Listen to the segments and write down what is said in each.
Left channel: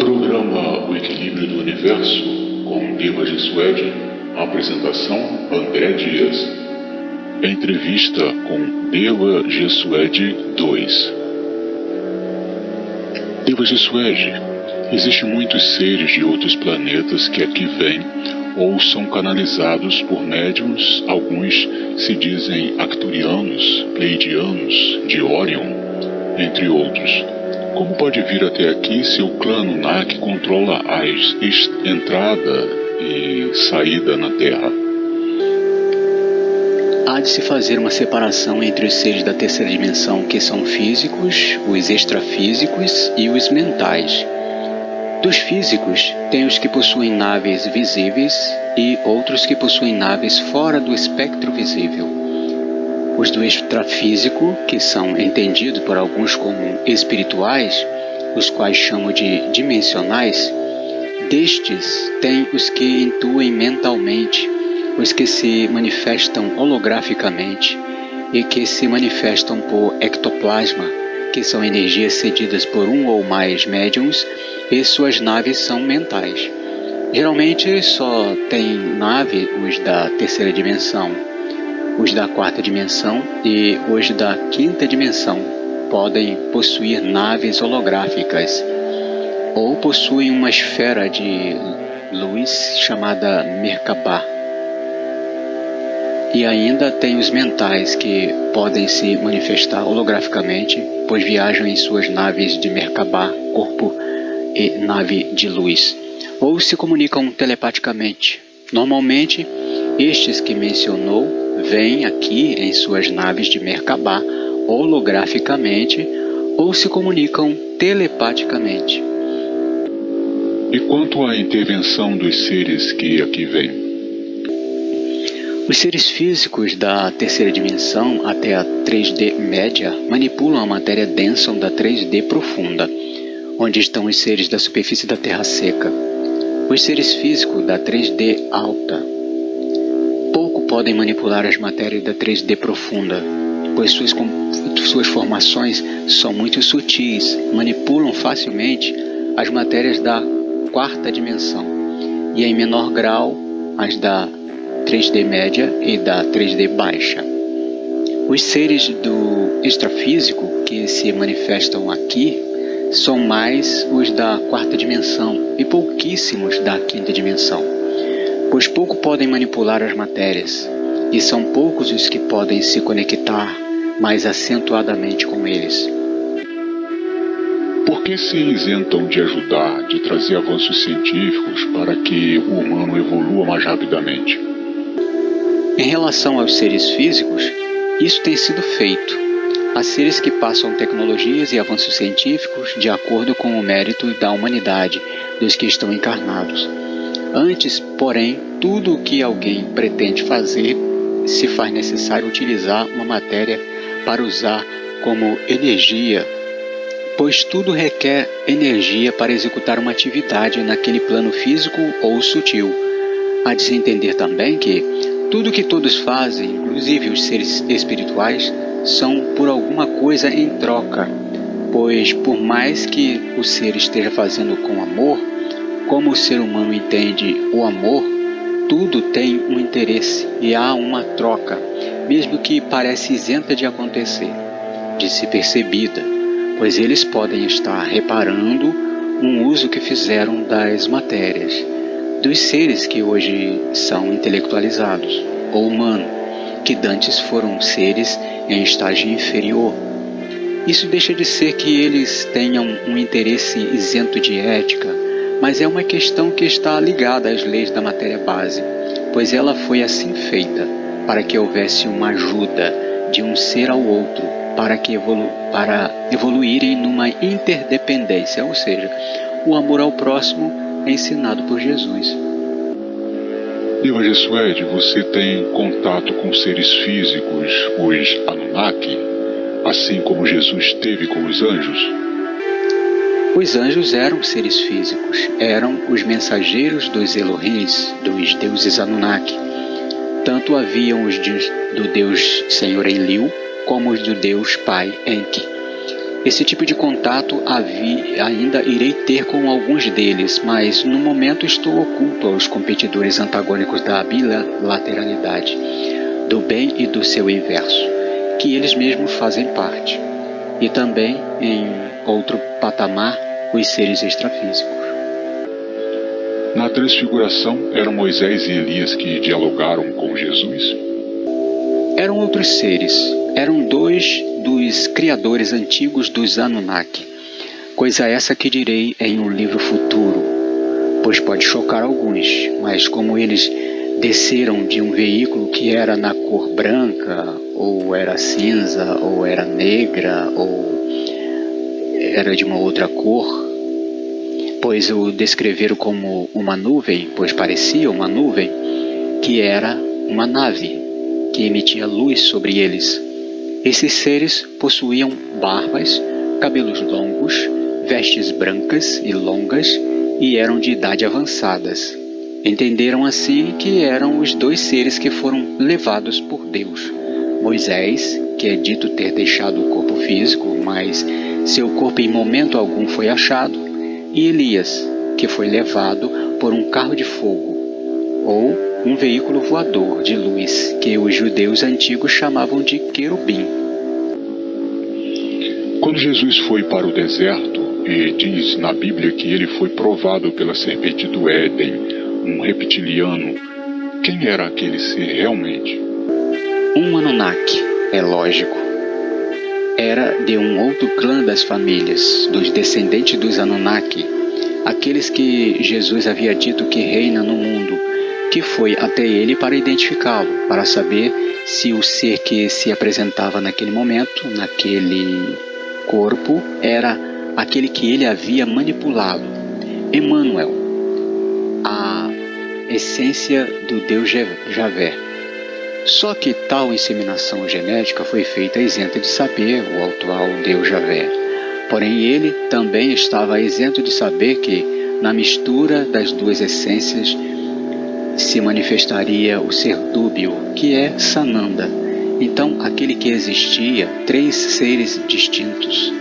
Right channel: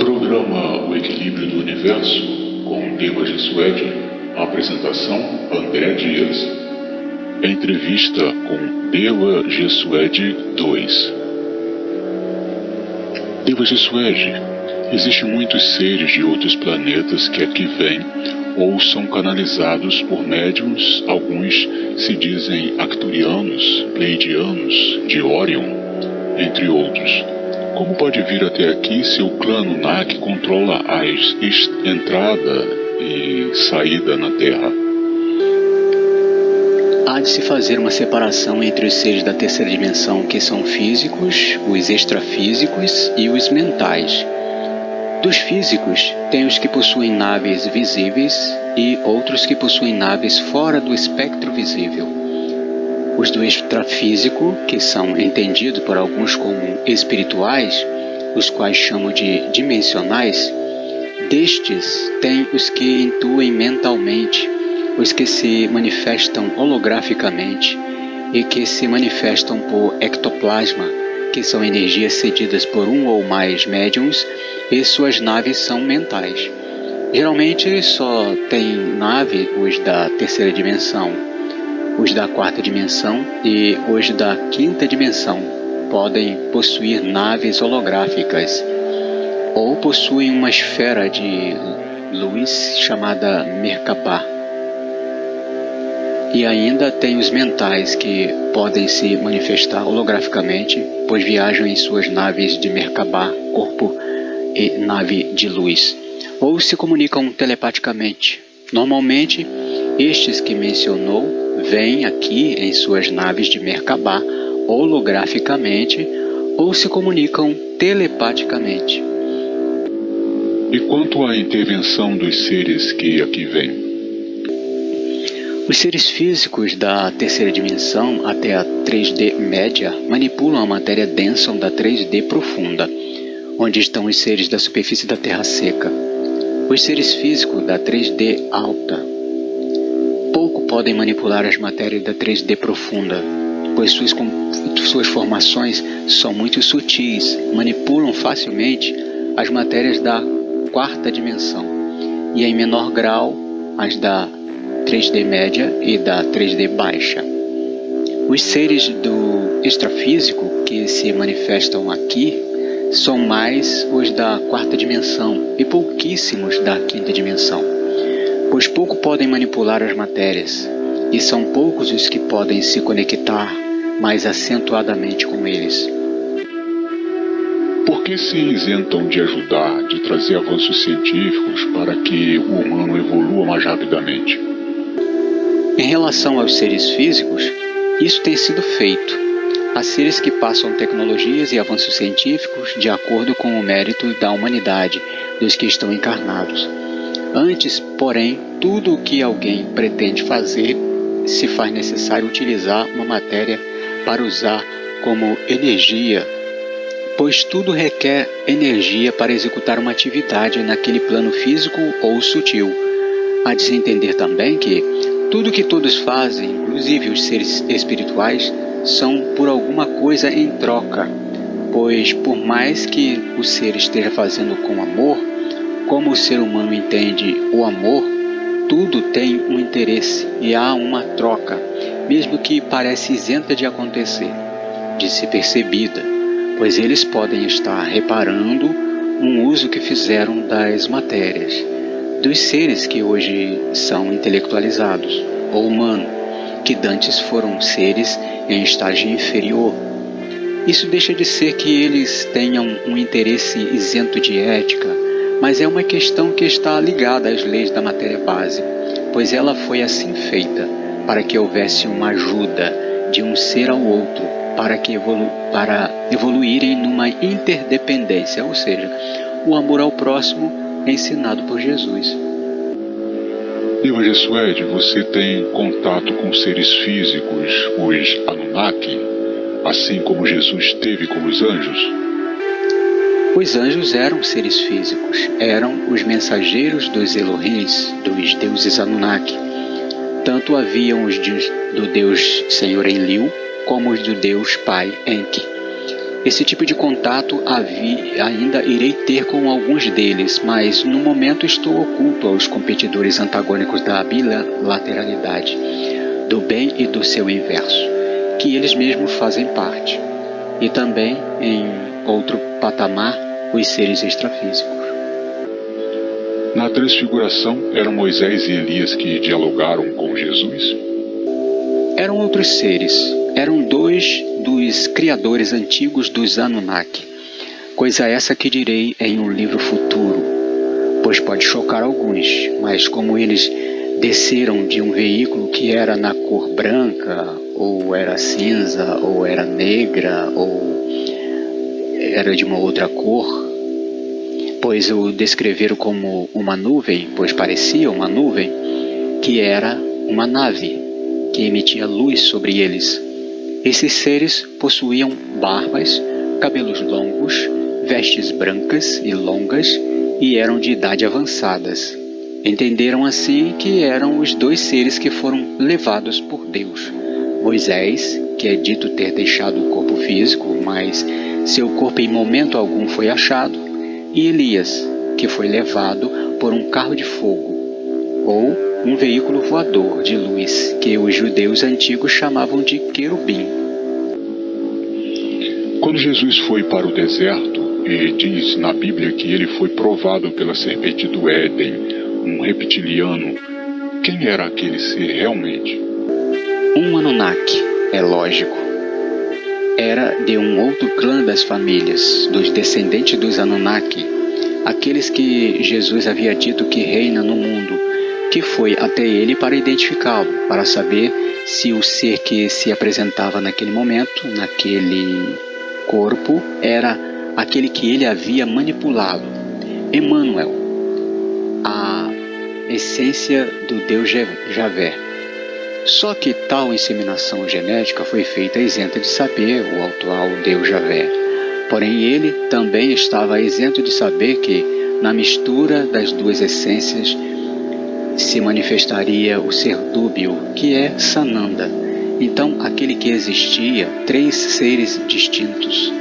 Programa O Equilíbrio do Universo com Deva Jesuede. Apresentação André Dias. Entrevista com Deva Jesuede 2. Deva Jesuede, existem muitos seres de outros planetas que aqui vêm ou são canalizados por médiuns. Alguns se dizem arcturianos, pleiadianos, de Orion, entre outros. Como pode vir até aqui se o clã Anunnaki controla a entrada e saída na Terra? Há de se fazer uma separação entre os seres da terceira dimensão, que são físicos, os extrafísicos e os mentais. Dos físicos, tem os que possuem naves visíveis e outros que possuem naves fora do espectro visível. Os do extrafísico, que são entendidos por alguns como espirituais, os quais chamam de dimensionais, destes tem os que intuem mentalmente, os que se manifestam holograficamente e que se manifestam por ectoplasma, que são energias cedidas por um ou mais médiums, e suas naves são mentais. Geralmente só tem nave os da terceira dimensão. Os da quarta dimensão e os da quinta dimensão podem possuir naves holográficas ou possuem uma esfera de luz chamada Merkabah. E ainda tem os mentais, que podem se manifestar holograficamente, pois viajam em suas naves de Merkabah, corpo e nave de luz, ou se comunicam telepaticamente. Normalmente, estes que mencionou vêm aqui em suas naves de Merkabah holograficamente ou se comunicam telepaticamente. E quanto à intervenção dos seres que aqui vêm? Os seres físicos da terceira dimensão até a 3D média manipulam a matéria densa da 3D profunda, onde estão os seres da superfície da Terra seca. Os seres físicos da 3D alta pouco podem manipular as matérias da 3D profunda, pois suas formações são muito sutis, manipulam facilmente as matérias da quarta dimensão e em menor grau as da 3D média e da 3D baixa. Os seres do extrafísico que se manifestam aqui são mais os da quarta dimensão e pouquíssimos da quinta dimensão, pois pouco podem manipular as matérias, e são poucos os que podem se conectar mais acentuadamente com eles. Por que se isentam de ajudar, de trazer avanços científicos para que o humano evolua mais rapidamente? Em relação aos seres físicos, isso tem sido feito. Há seres que passam tecnologias e avanços científicos de acordo com o mérito da humanidade dos que estão encarnados. Antes, porém, tudo o que alguém pretende fazer, se faz necessário utilizar uma matéria para usar como energia, pois tudo requer energia para executar uma atividade naquele plano físico ou sutil. Há de se entender também que tudo que todos fazem, inclusive os seres espirituais, são por alguma coisa em troca, pois por mais que o ser esteja fazendo com amor, como o ser humano entende o amor, tudo tem um interesse e há uma troca, mesmo que pareça isenta de acontecer, de ser percebida, pois eles podem estar reparando um uso que fizeram das matérias, dos seres que hoje são intelectualizados, ou humanos, que dantes foram seres em estágio inferior. Isso deixa de ser que eles tenham um interesse isento de ética, mas é uma questão que está ligada às leis da matéria base, pois ela foi assim feita, para que houvesse uma ajuda de um ser ao outro, para evoluírem numa interdependência, ou seja, o amor ao próximo é ensinado por Jesus. Deva Jesuede, você tem contato com seres físicos, os Anunnaki, assim como Jesus teve com os anjos? Os anjos eram seres físicos, eram os mensageiros dos Elohims, dos deuses Anunnaki. Tanto haviam os do Deus Senhor Enlil, como os do Deus Pai Enki. Esse tipo de contato ainda irei ter com alguns deles, mas no momento estou oculto aos competidores antagônicos da bilateralidade, do bem e do seu inverso, que eles mesmos fazem parte, e também, em outro patamar, os seres extrafísicos. Na transfiguração, eram Moisés e Elias que dialogaram com Jesus? Eram outros seres. Eram dois dos criadores antigos dos Anunnaki, coisa essa que direi em um livro futuro, pois pode chocar alguns, mas como eles desceram de um veículo que era na cor branca, ou era cinza, ou era negra, ou era de uma outra cor, pois o descreveram como uma nuvem, pois parecia uma nuvem, que era uma nave, que emitia luz sobre eles. Esses seres possuíam barbas, cabelos longos, vestes brancas e longas e eram de idade avançadas. Entenderam assim que eram os dois seres que foram levados por Deus. Moisés, que é dito ter deixado o corpo físico, mas seu corpo em momento algum foi achado, e Elias, que foi levado por um carro de fogo, ou um veículo voador de luz, que os judeus antigos chamavam de querubim. Quando Jesus foi para o deserto, e diz na Bíblia que ele foi provado pela serpente do Éden, um reptiliano, quem era aquele ser realmente? Um Anunnaki, é lógico. Era de um outro clã das famílias, dos descendentes dos Anunnaki, aqueles que Jesus havia dito que reina no mundo, que foi até ele para identificá-lo, para saber se o ser que se apresentava naquele momento, naquele corpo, era aquele que ele havia manipulado, Emmanuel, a essência do Deus Javé. Só que tal inseminação genética foi feita isenta de saber o atual Deus Javé. Porém, ele também estava isento de saber que, na mistura das duas essências, se manifestaria o ser dúbio, que é Sananda. Então, aquele que existia, três seres distintos.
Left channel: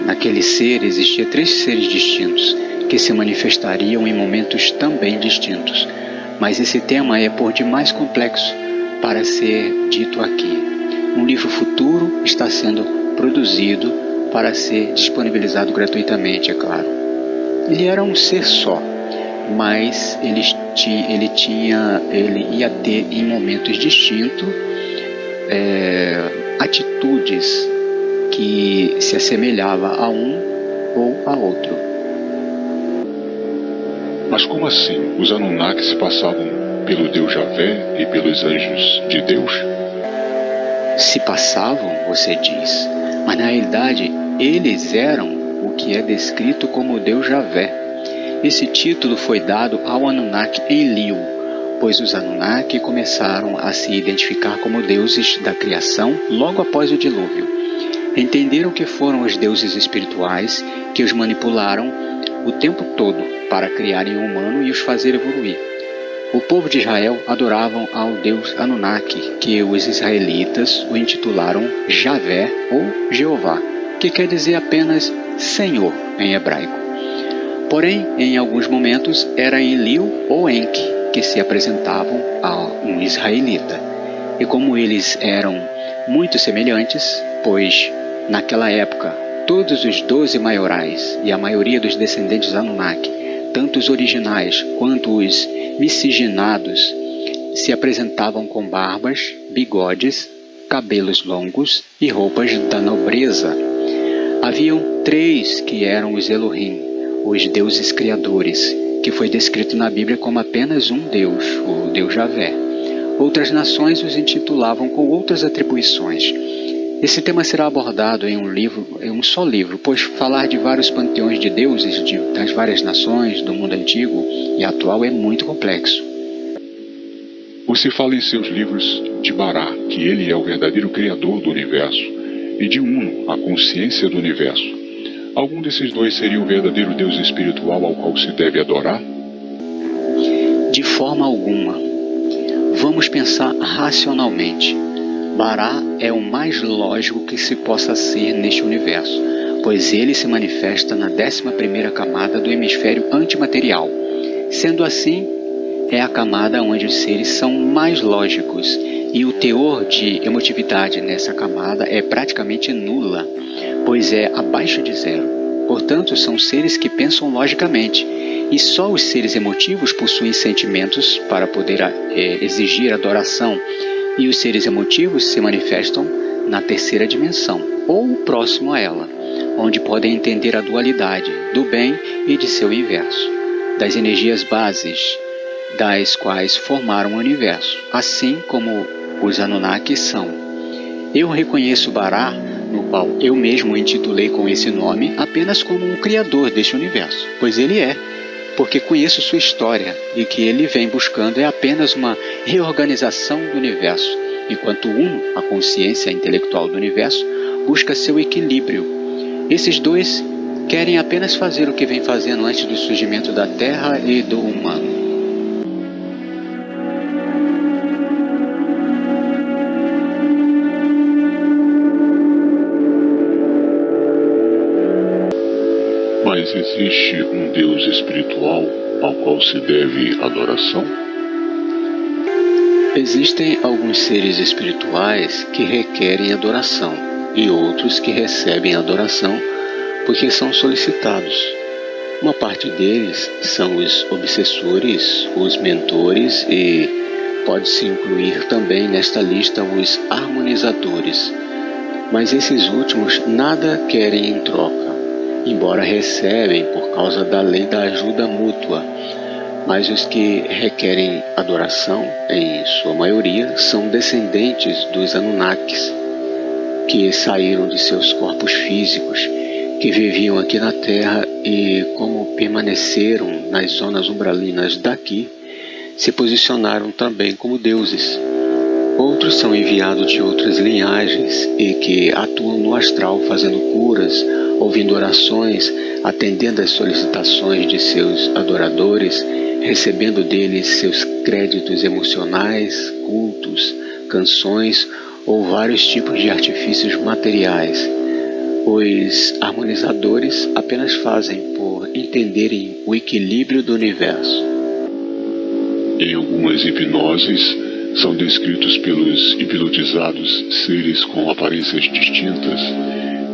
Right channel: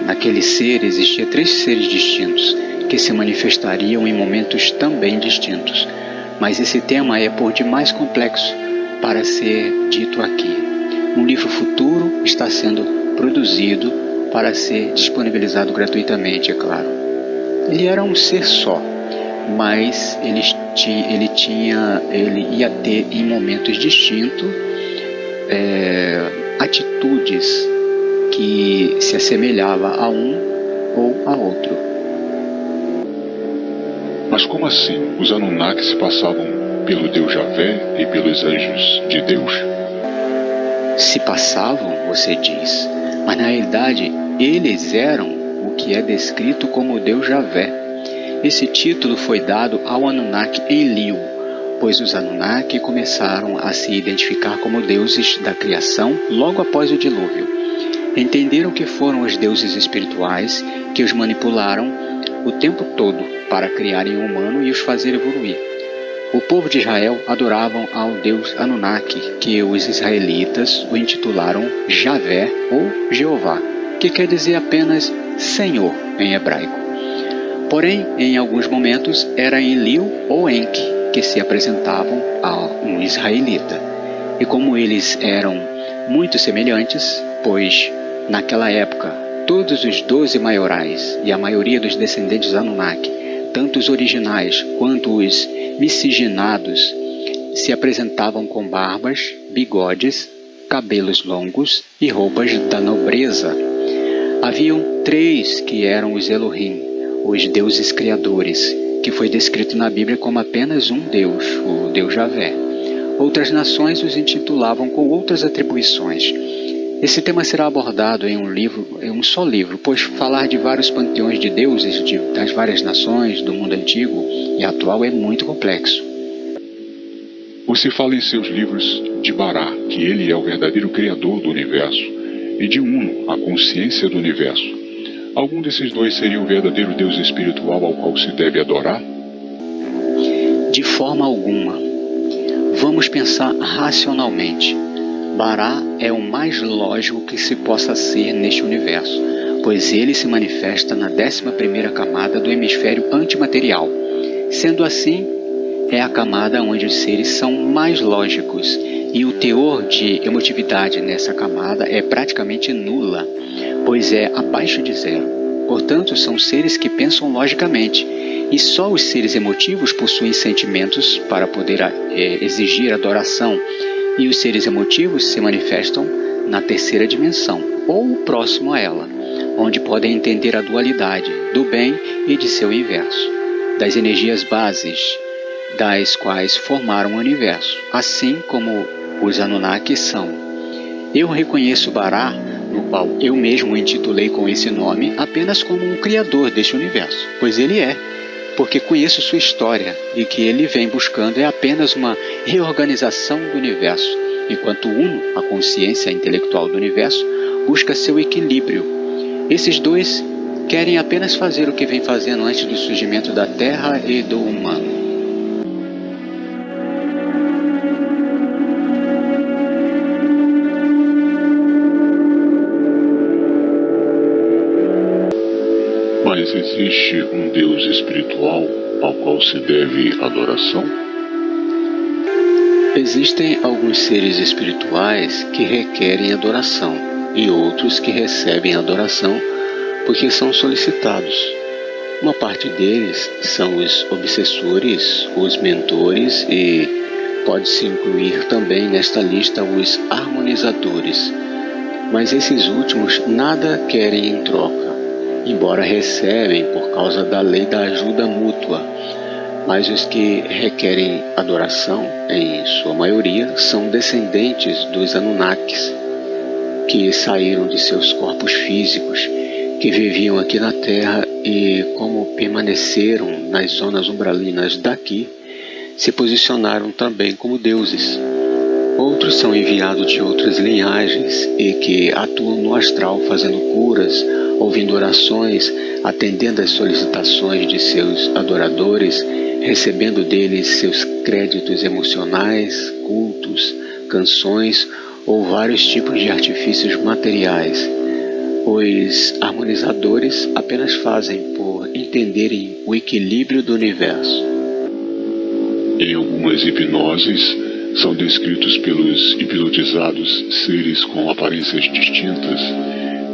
Naquele ser existia três seres distintos, que se manifestariam em momentos também distintos. Mas esse tema é por demais complexo para ser dito aqui. Um livro futuro está sendo produzido para ser disponibilizado gratuitamente, é claro. Ele era um ser só, mas ele ia ter em momentos distintos atitudes que se assemelhava a um ou a outro. Mas como assim? Os Anunnaki se passavam pelo Deus Javé e pelos anjos de Deus? Se passavam, você diz, mas na realidade eles eram o que é descrito como Deus Javé. Esse título foi dado ao Anunnaki Enlil, pois os Anunnaki começaram a se identificar como deuses da criação logo após o dilúvio. Entenderam que foram os deuses espirituais que os manipularam o tempo todo para criarem um humano e os fazer evoluir. O povo de Israel adoravam ao deus Anunnaki, que os israelitas o intitularam Javé ou Jeová, que quer dizer apenas Senhor em hebraico. Porém, em alguns momentos era Enlil ou Enki que se apresentavam a um israelita. E como eles eram muito semelhantes, pois naquela época todos os 12 maiorais e a maioria dos descendentes Anunnaki, tanto os originais quanto os miscigenados, se apresentavam com barbas, bigodes, cabelos longos e roupas da nobreza. Haviam 3 que eram os Elohim, os deuses criadores, que foi descrito na Bíblia como apenas um Deus, o Deus Javé. Outras nações os intitulavam com outras atribuições. Esse tema será abordado em um só livro, pois falar de vários panteões de deuses das várias nações do mundo antigo e atual é muito complexo. Você fala em seus livros de Bará, que ele é o verdadeiro criador do universo, e de Uno, a consciência do universo. Algum desses dois seria o verdadeiro Deus espiritual ao qual se deve adorar? De forma alguma. Vamos pensar racionalmente. Bará é o mais lógico que se possa ser neste universo, pois ele se manifesta na 11ª camada do hemisfério antimaterial. Sendo assim, é a camada onde os seres são mais lógicos, e o teor de emotividade nessa camada é praticamente nula, pois é abaixo de zero. Portanto, são seres que pensam logicamente, e só os seres emotivos possuem sentimentos para poder exigir adoração, e os seres emotivos se manifestam na 3ª dimensão, ou próximo a ela, onde podem entender a dualidade do bem e de seu inverso, das energias bases, das quais formaram o universo, assim como os Anunnaki são. Eu reconheço Bará, no qual eu mesmo o intitulei com esse nome, apenas como um criador deste universo, pois ele é, porque conheço sua história, e que ele vem buscando é apenas uma reorganização do universo, enquanto o Uno, a consciência intelectual do universo, busca seu equilíbrio. Esses dois querem apenas fazer o que vem fazendo antes do surgimento da Terra e do humano. Mas existe um Deus espiritual ao qual se deve adoração? Existem alguns seres espirituais que requerem adoração e outros que recebem adoração porque são solicitados. Uma parte deles são os obsessores, os mentores e pode-se incluir também nesta lista os harmonizadores. Mas esses últimos nada querem em troca, embora recebem por causa da lei da ajuda mútua. Mas os que requerem adoração, em sua maioria, são descendentes dos Anunnakis, que saíram de seus corpos físicos, que viviam aqui na Terra e, como permaneceram nas zonas umbralinas daqui, se posicionaram também como deuses. Outros são enviados de outras linhagens e que atuam no astral fazendo curas, ouvindo orações, atendendo às solicitações de seus adoradores, recebendo deles seus créditos emocionais, cultos, canções ou vários tipos de artifícios materiais. Os harmonizadores apenas fazem por entenderem o equilíbrio do universo. Em algumas hipnoses, são descritos pelos hipnotizados seres com aparências distintas,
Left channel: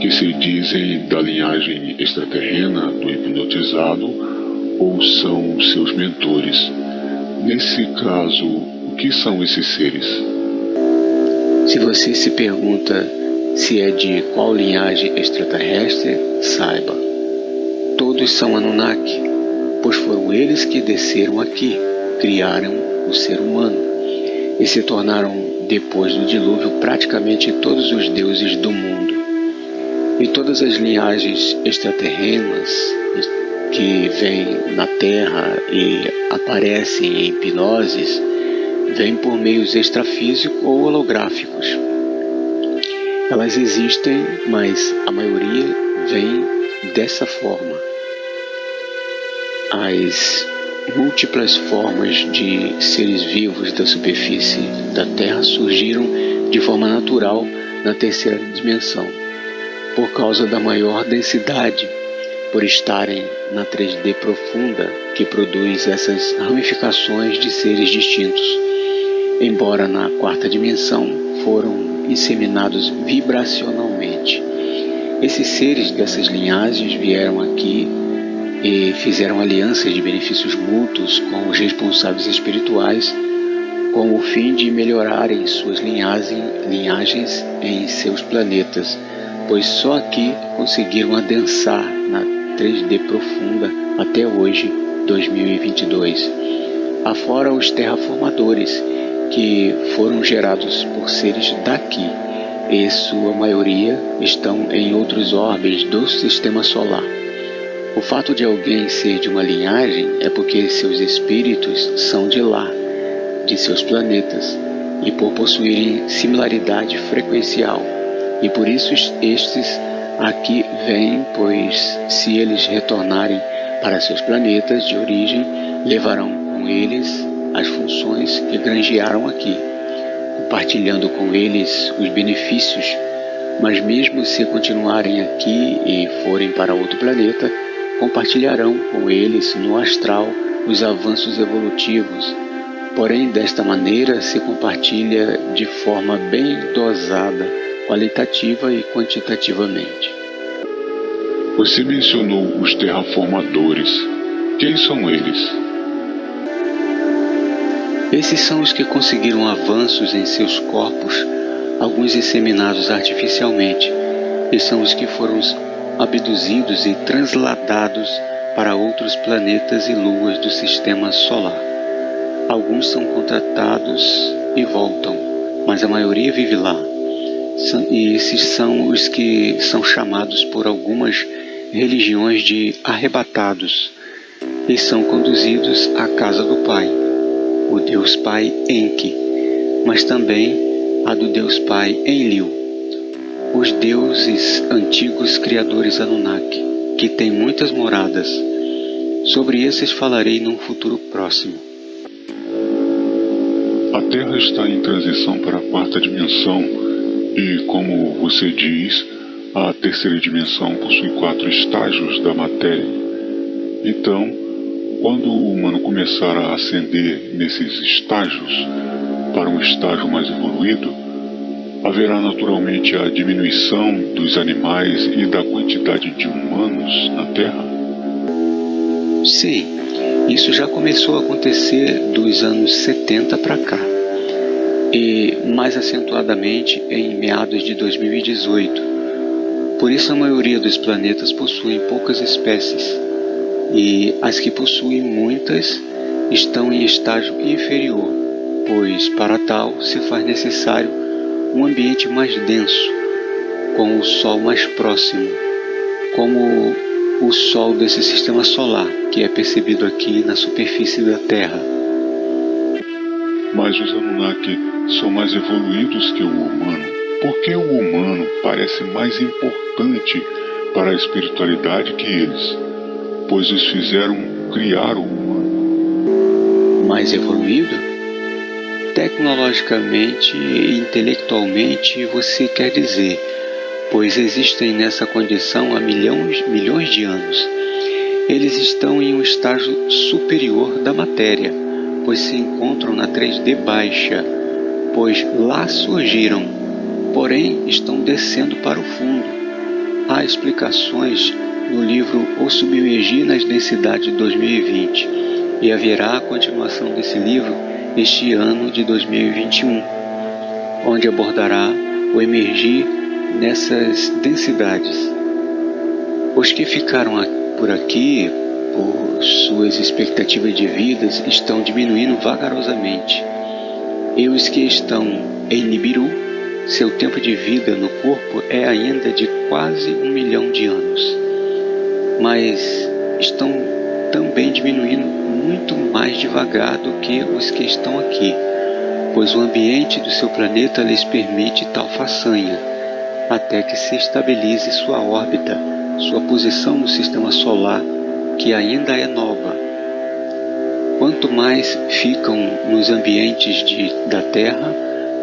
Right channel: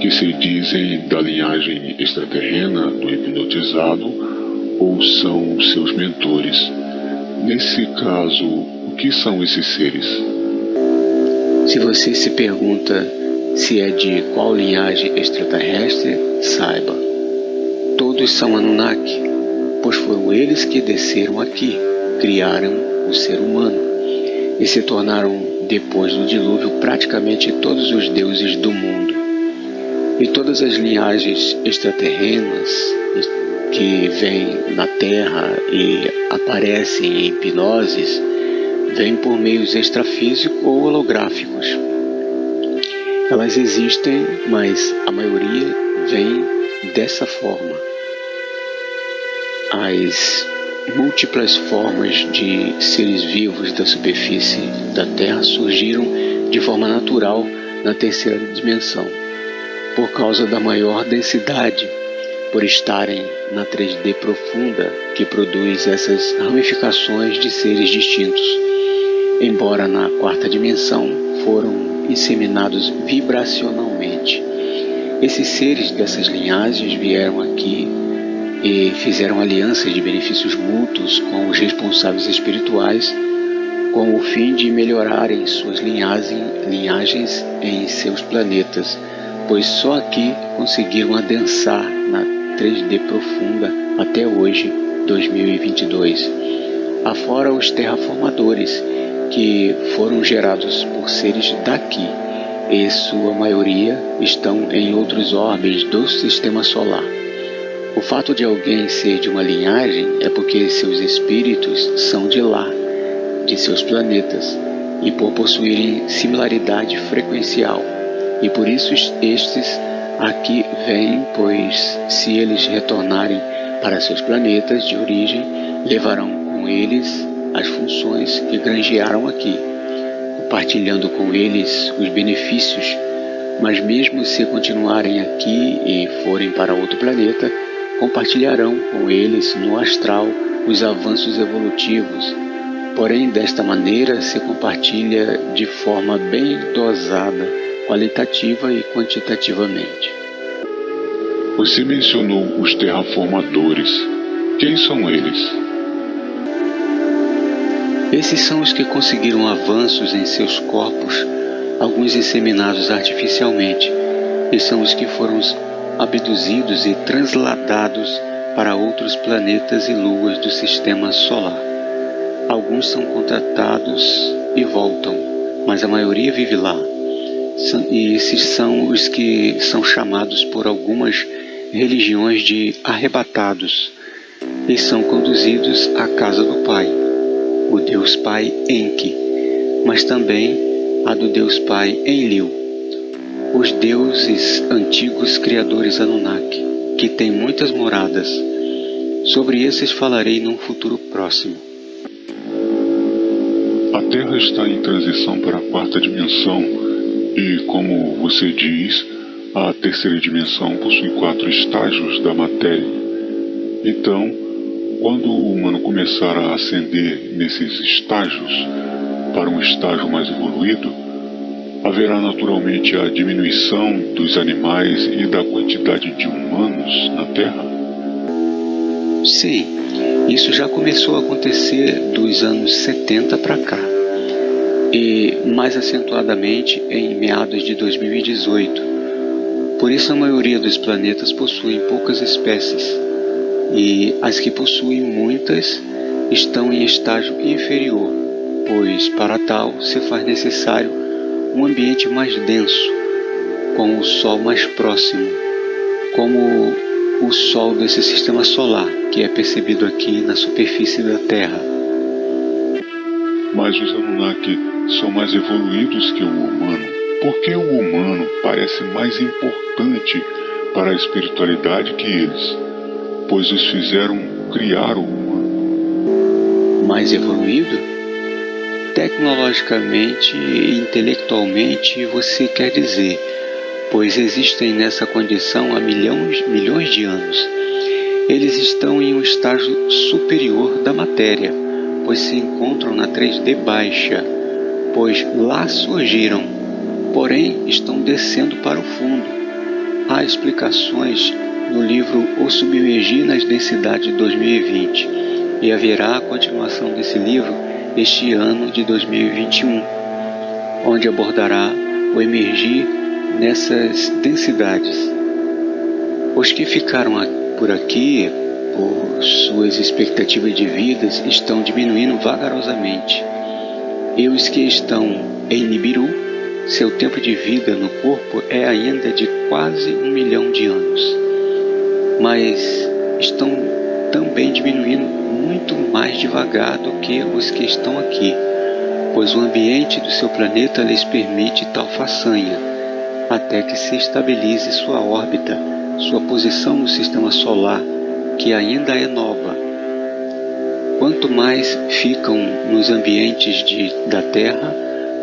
que se dizem da linhagem extraterrena do hipnotizado ou são seus mentores. Nesse caso, o que são esses seres? Se você se pergunta se é de qual linhagem extraterrestre, saiba, todos são Anunnaki, pois foram eles que desceram aqui, criaram o ser humano e se tornaram, depois do dilúvio, praticamente todos os deuses do mundo. E todas as linhagens extraterrenas que vêm na Terra e aparecem em hipnoses vêm por meios extrafísicos ou holográficos. Elas existem, mas a maioria vem dessa forma. As múltiplas formas de seres vivos da superfície da Terra surgiram de forma natural na 3ª dimensão, por causa da maior densidade, por estarem na 3D profunda que produz essas ramificações de seres distintos, embora na 4ª dimensão foram inseminados vibracionalmente. Esses seres dessas linhagens vieram aqui e fizeram alianças de benefícios mútuos com os responsáveis espirituais, com o fim de melhorarem suas linhagens em seus planetas, pois só aqui conseguiram adensar na 3D profunda até hoje, 2022. Afora os terraformadores, que foram gerados por seres daqui, e sua maioria estão em outros orbes do Sistema Solar. O fato de alguém ser de uma linhagem é porque seus espíritos são de lá, de seus planetas, e por possuírem similaridade frequencial. E por isso estes aqui vêm, pois se eles retornarem para seus planetas de origem, levarão com eles as funções que granjearam aqui. compartilhando com eles os benefícios, mas mesmo se continuarem aqui e forem para outro planeta, compartilharão com eles no astral os avanços evolutivos. Porém, desta maneira se compartilha de forma bem dosada, qualitativa e quantitativamente. Você mencionou os terraformadores. Quem são eles? Esses são os que conseguiram avanços em seus corpos, alguns inseminados artificialmente, e são os que foram abduzidos e transladados para outros planetas e luas do sistema solar. Alguns são contratados e voltam, mas a maioria vive lá. E esses são os que são chamados por algumas religiões de arrebatados, e são conduzidos à casa do Pai, o Deus Pai Enki, mas também a do Deus Pai Enlil, os deuses antigos criadores Anunnaki, que têm muitas moradas. Sobre esses falarei num futuro próximo. A Terra está em transição para a quarta dimensão e, como você diz, a terceira dimensão possui 4 estágios da matéria. Então, quando o humano começar a ascender nesses estágios para um estágio mais evoluído, haverá naturalmente a diminuição dos animais e da quantidade de humanos na Terra? Sim, isso já começou a acontecer dos anos 70 para cá, e mais acentuadamente em meados de 2018. Por isso a maioria dos planetas possuem poucas espécies, e as que possuem muitas estão em estágio inferior, pois para tal se faz necessário um ambiente mais denso, com o Sol mais próximo, como o Sol desse sistema solar, que é percebido aqui na superfície da Terra. Mas os Anunnaki são mais evoluídos que o humano. Por que o humano parece mais importante para a espiritualidade que eles? Pois os fizeram criar o humano. Mais evoluído? Tecnologicamente e intelectualmente você quer dizer, pois existem nessa condição há milhões de anos. Eles estão em um estágio superior da matéria, pois se encontram na 3D baixa, pois lá surgiram, porém estão descendo para o fundo. Há explicações no livro O Submergir nas Densidades 2020, e haverá a continuação desse livro este ano de 2021, onde abordará o emergir nessas densidades. Os que ficaram por aqui, por suas expectativas de vidas, estão diminuindo vagarosamente. E os que estão em Nibiru, seu tempo de vida no corpo é ainda de quase 1 milhão de anos. Mas estão também diminuindo muito mais devagar do que os que estão aqui, pois o ambiente do seu planeta lhes permite tal façanha, até que se estabilize sua órbita, sua posição no sistema solar, que ainda é nova. Quanto mais ficam nos ambientes da Terra,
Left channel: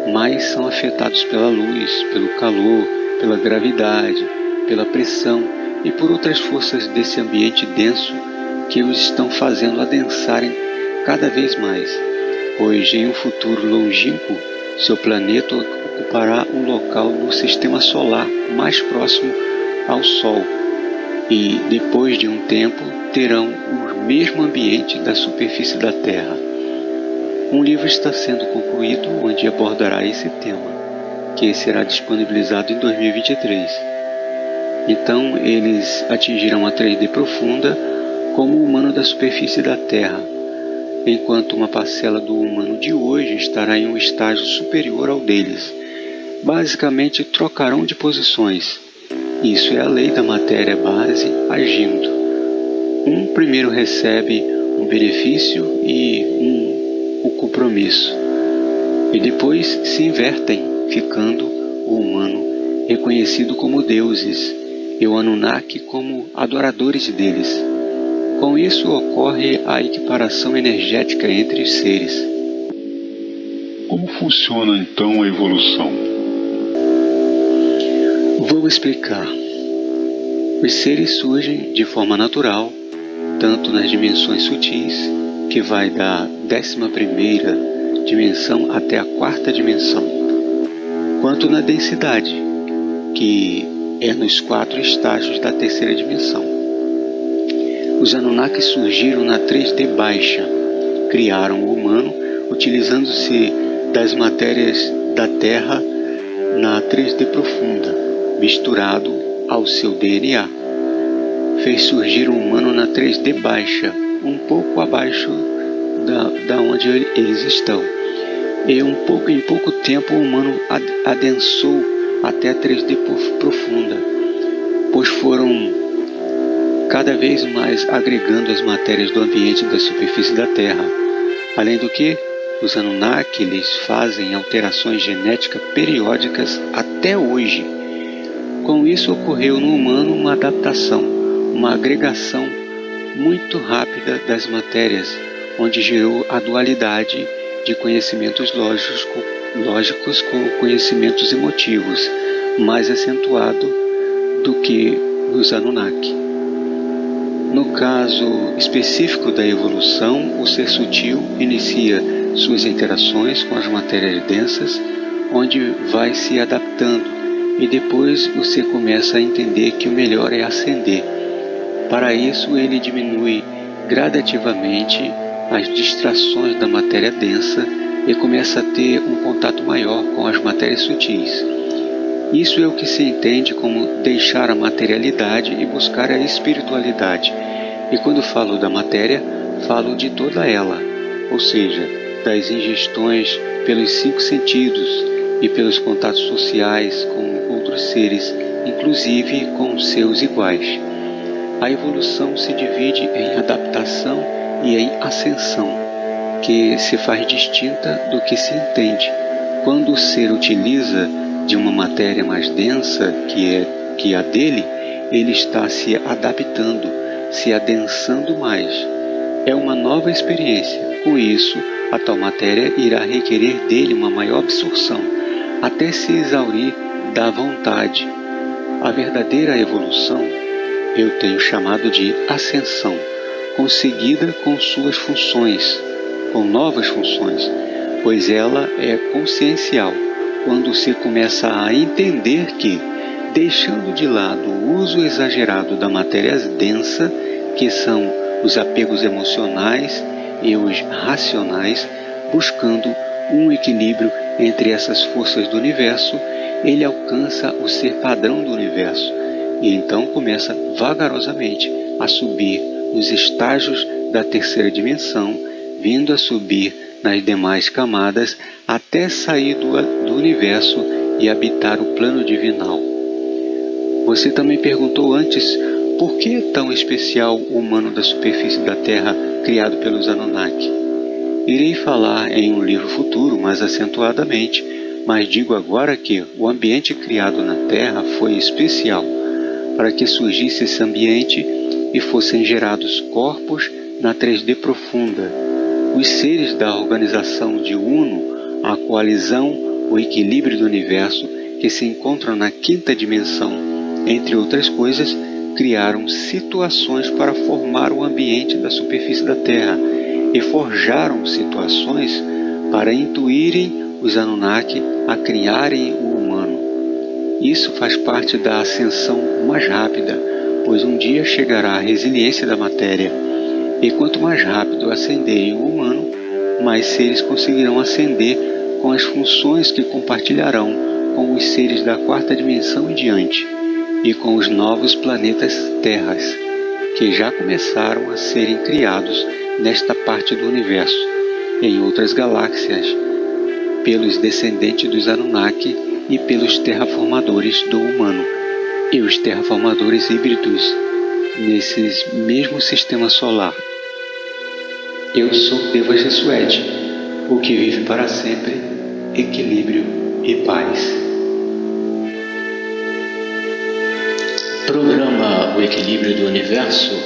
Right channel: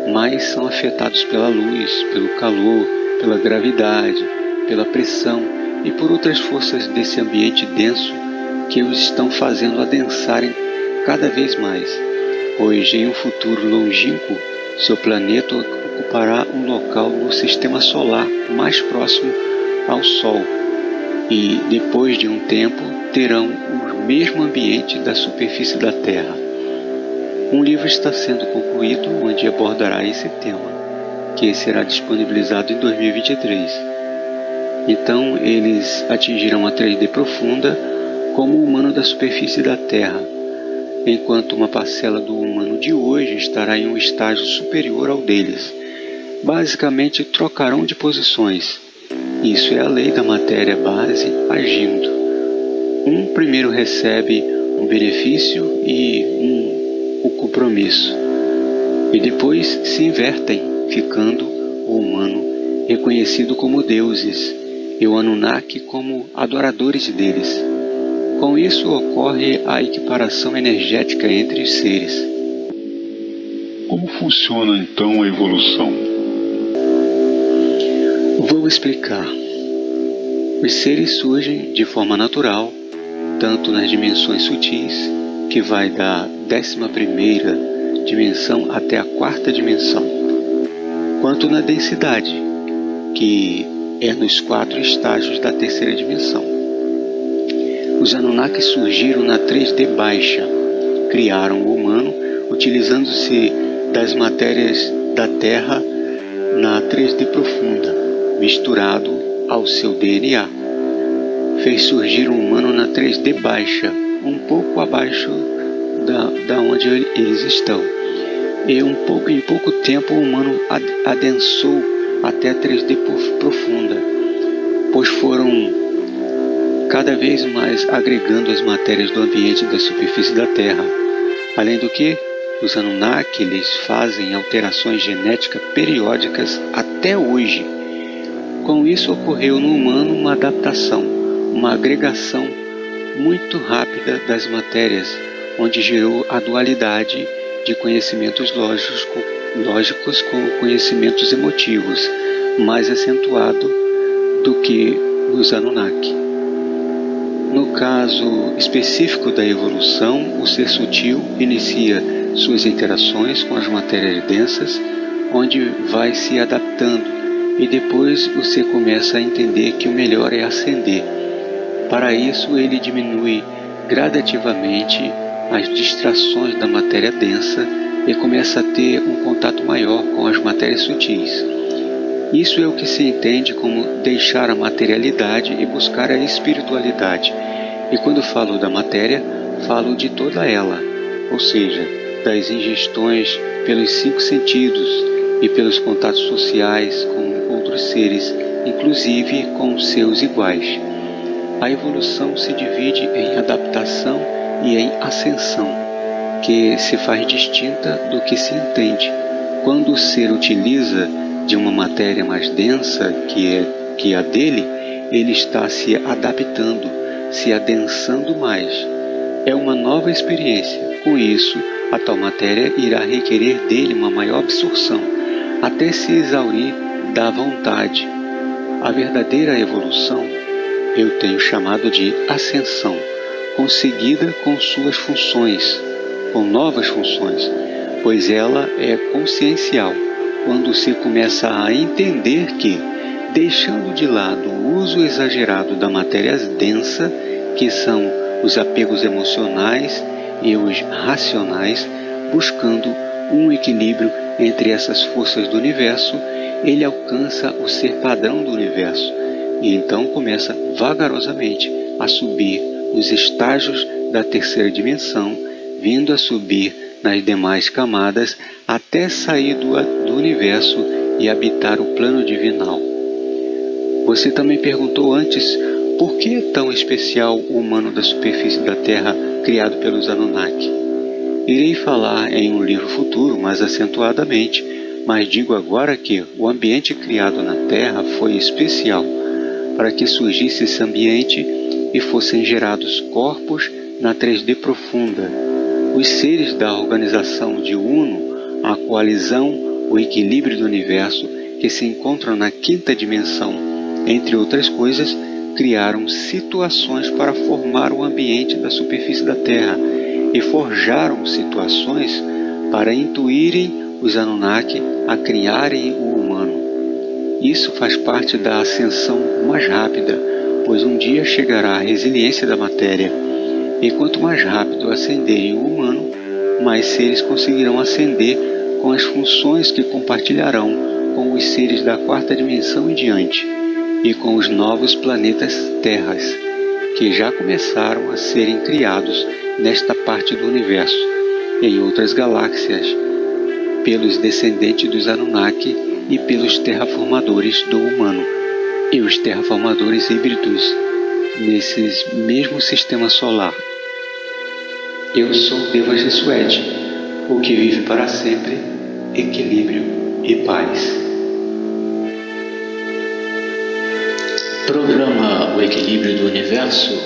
mais são afetados pela luz, pelo calor, pela gravidade, pela pressão e por outras forças desse ambiente denso que os estão fazendo adensarem cada vez mais, pois em um futuro longínquo, seu planeta ocupará um local no sistema solar mais próximo ao Sol, e depois de um tempo terão o mesmo ambiente da superfície da Terra. Um livro está sendo concluído onde abordará esse tema, que será disponibilizado em 2023. Então eles atingirão a 3D profunda como o humano da superfície da Terra, enquanto uma parcela do humano de hoje estará em um estágio superior ao deles. Basicamente trocarão de posições. Isso é a lei da matéria base agindo. Um primeiro recebe um benefício e o compromisso, e depois se invertem, ficando o humano reconhecido como deuses e o Anunnaki como adoradores deles. Com isso ocorre a equiparação energética entre os seres. Como funciona então a evolução? Vou explicar. Os seres surgem de forma natural, tanto nas dimensões sutis, que vai da 11ª dimensão até a 4ª dimensão, quanto na densidade, que é nos 4 estágios da 3ª dimensão. Os Anunnaki surgiram na 3D baixa, criaram o humano utilizando-se das matérias da Terra na 3D profunda, misturado ao seu DNA. Fez surgir um humano na 3D baixa, um pouco abaixo da onde eles estão. E em pouco tempo o humano adensou até a 3D profunda, pois foram cada vez mais agregando as matérias do ambiente da superfície da Terra. Além do que, os Anunnaki lhes fazem alterações genéticas periódicas até hoje. Com isso ocorreu no humano uma adaptação, uma agregação muito rápida das matérias, onde gerou a dualidade de conhecimentos lógicos com conhecimentos emotivos, mais acentuado do que nos Anunnaki. No caso específico da evolução, o ser sutil inicia suas interações com as matérias densas, onde vai se adaptando, e depois o ser começa a entender que o melhor é ascender. Para isso, ele diminui gradativamente as distrações da matéria densa e começa a ter um contato maior com as matérias sutis. Isso é o que se entende como deixar a materialidade e buscar a espiritualidade. E quando falo da matéria, falo de toda ela, ou seja, das ingestões pelos 5 sentidos e pelos contatos sociais com outros seres, inclusive com seus iguais. A evolução se divide em adaptação e em ascensão, que se faz distinta do que se entende. Quando o ser utiliza de uma matéria mais densa que a dele, ele está se adaptando, se adensando mais. É uma nova experiência. Com isso, a tal matéria irá requerer dele uma maior absorção, até se exaurir da vontade. A verdadeira evolução eu tenho chamado de ascensão, conseguida com suas funções, com novas funções, pois ela é consciencial. Quando você começa a entender que, deixando de lado o uso exagerado da matéria densa, que são os apegos emocionais e os racionais, buscando um equilíbrio entre essas forças do universo, ele alcança o ser padrão do universo e então começa vagarosamente a subir nos estágios da 3ª dimensão, vindo a subir nas demais camadas até sair do universo e habitar o plano divinal. Você também perguntou antes por que é tão especial o humano da superfície da Terra criado pelos Anunnaki. Irei falar em um livro futuro mais acentuadamente, mas digo agora que o ambiente criado na Terra foi especial para que surgisse esse ambiente e fossem gerados corpos na 3D profunda. Os seres da organização de Uno, a coalizão, o equilíbrio do universo, que se encontram na 5ª dimensão, entre outras coisas, criaram situações para formar o ambiente da superfície da Terra e forjaram situações para intuírem os Anunnaki a criarem o humano. Isso faz parte da ascensão mais rápida, pois um dia chegará a resiliência da matéria, e quanto mais rápido ascenderem o humano, mais seres conseguirão ascender com as funções que compartilharão com os seres da 4ª dimensão em diante, e com os novos planetas Terras, que já começaram a serem criados nesta parte do universo, em outras galáxias, pelos descendentes dos Anunnaki e pelos terraformadores do humano, e os terraformadores híbridos nesse mesmo sistema solar. Eu sou Deva Jesuede, o que vive para sempre, equilíbrio e paz. Programa O Equilíbrio do Universo